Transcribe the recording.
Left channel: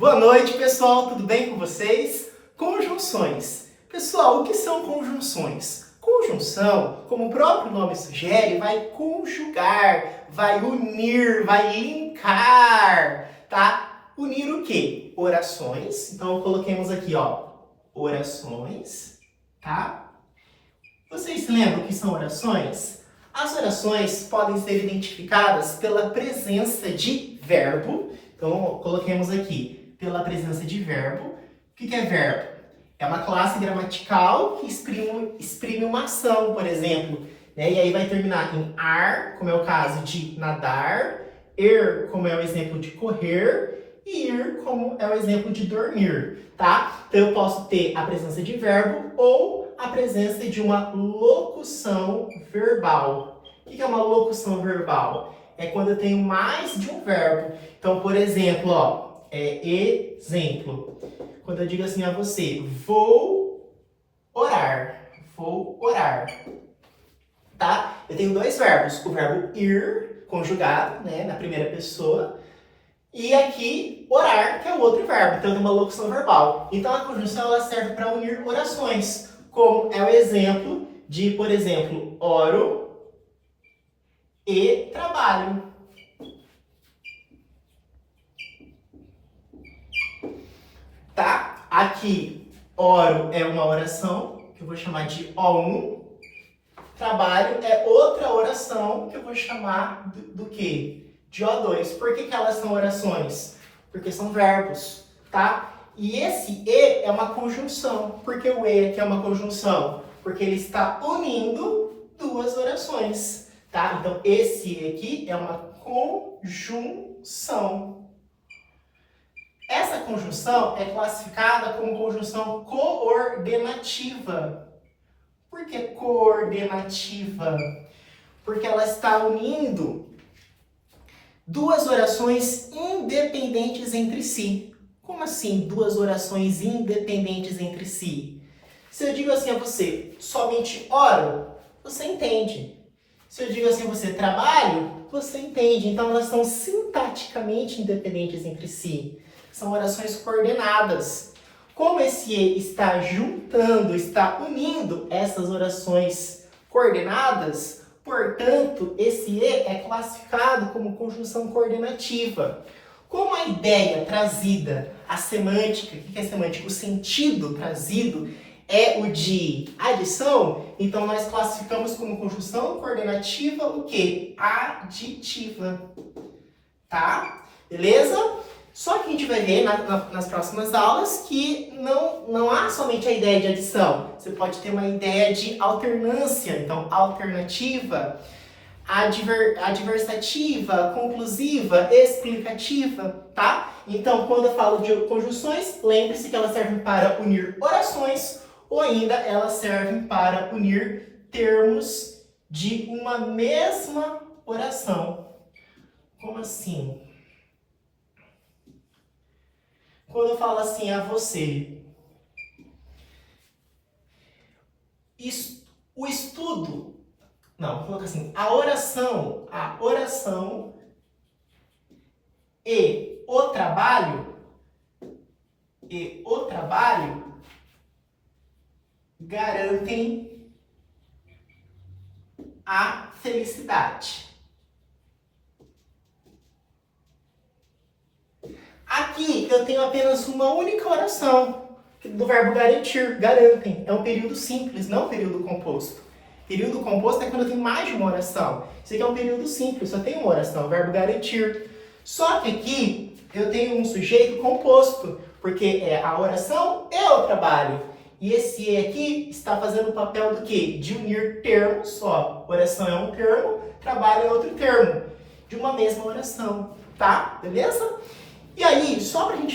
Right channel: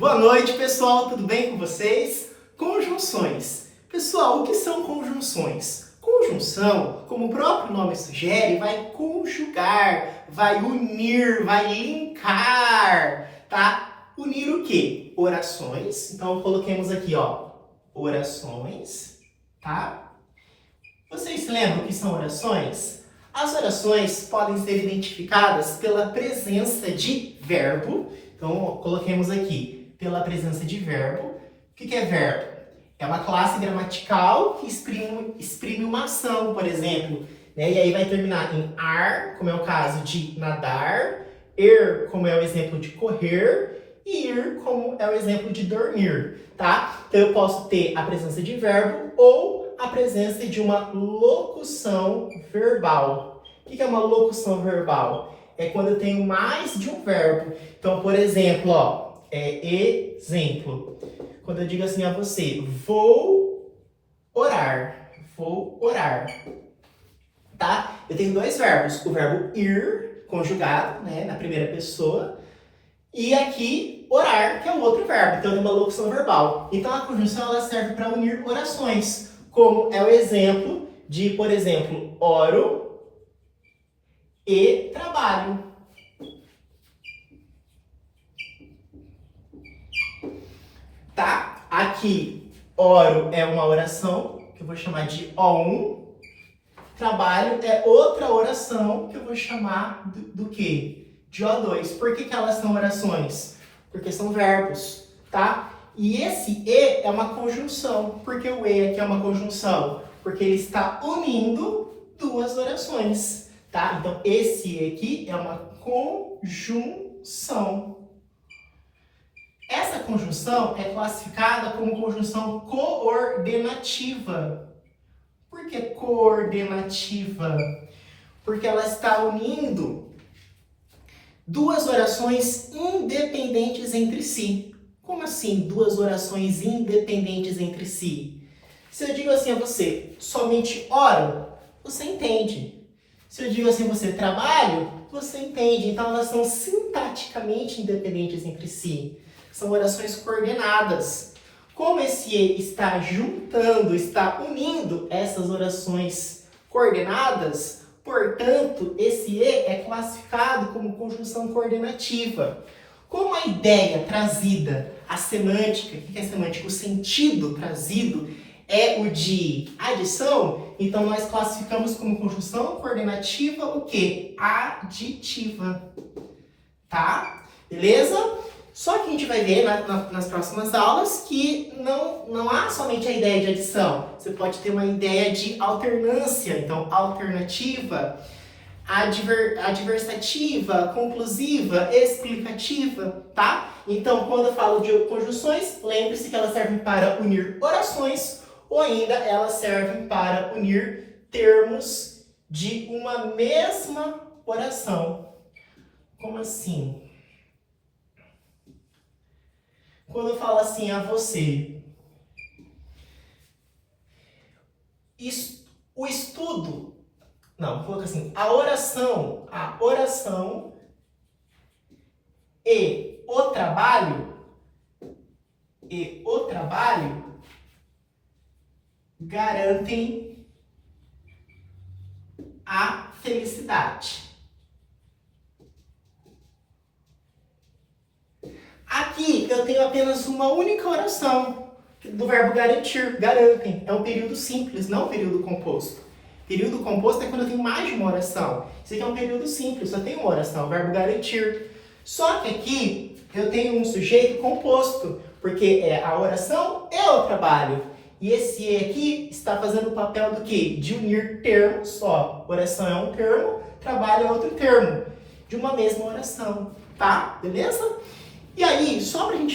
Boa noite, pessoal, tudo bem com vocês? Conjunções. Pessoal, o que são conjunções? Conjunção, como o próprio nome sugere, vai conjugar, vai unir, vai linkar, tá? Unir o quê? Orações. Então, coloquemos aqui, ó, orações, tá? Vocês se lembram o que são orações? As orações podem ser identificadas pela presença de verbo. Então, coloquemos aqui, pela presença de verbo. O que é verbo? É uma classe gramatical que exprime uma ação, por exemplo. Né? E aí vai terminar em ar, como é o caso de nadar, como é o exemplo de correr, e ir, como é o exemplo de dormir. Tá? Então, eu posso ter a presença de verbo ou a presença de uma locução verbal. O que é uma locução verbal? É quando eu tenho mais de um verbo. Então, por exemplo, ó, exemplo. Quando eu digo assim a você, vou orar. Vou orar. Tá? Eu tenho dois verbos. O verbo ir, conjugado, né, na primeira pessoa. E aqui, orar, que é o outro verbo. Então, é uma locução verbal. Então, a conjunção ela serve para unir orações. Como é o exemplo de, por exemplo, oro e trabalho. Tá? Aqui, oro é uma oração, que eu vou chamar de O1. Trabalho é outra oração, que eu vou chamar do quê? De O2. Por que elas são orações? Porque são verbos, tá? E esse E é uma conjunção. Por que o E aqui é uma conjunção? Porque ele está unindo duas orações, tá? Então, esse E aqui é uma conjunção. Essa conjunção é classificada como conjunção coordenativa. Por que coordenativa? Porque ela está unindo duas orações independentes entre si. Como assim, duas orações independentes entre si? Se eu digo assim a você, somente oro, você entende. Se eu digo assim a você, trabalho, você entende. Então, elas são sintaticamente independentes entre si. São orações coordenadas. Como esse E está juntando, está unindo essas orações coordenadas, portanto, esse E é classificado como conjunção coordenativa. Como a ideia trazida, a semântica, o que é semântica? O sentido trazido é o de adição, então nós classificamos como conjunção coordenativa o quê? Aditiva. Tá? Beleza? Só que a gente vai ver nas próximas aulas que não há somente a ideia de adição. Você pode ter uma ideia de alternância, então alternativa, adversativa, conclusiva, explicativa, tá? Então, quando eu falo de conjunções, lembre-se que elas servem para unir orações ou ainda elas servem para unir termos de uma mesma oração. Como assim? Quando eu falo assim a você, o estudo, não, coloca assim, a oração e o trabalho garantem a felicidade. Aqui eu tenho apenas uma única oração do verbo garantir, garantem. É um período simples, não um período composto. Período composto é quando eu tenho mais de uma oração. Isso aqui é um período simples, só tem uma oração, o verbo garantir. Só que aqui eu tenho um sujeito composto, porque é a oração e o trabalho. E esse E aqui está fazendo o papel do quê? De unir termos, ó, oração é um termo, trabalho é outro termo, de uma mesma oração, tá? Beleza? E aí, só para a gente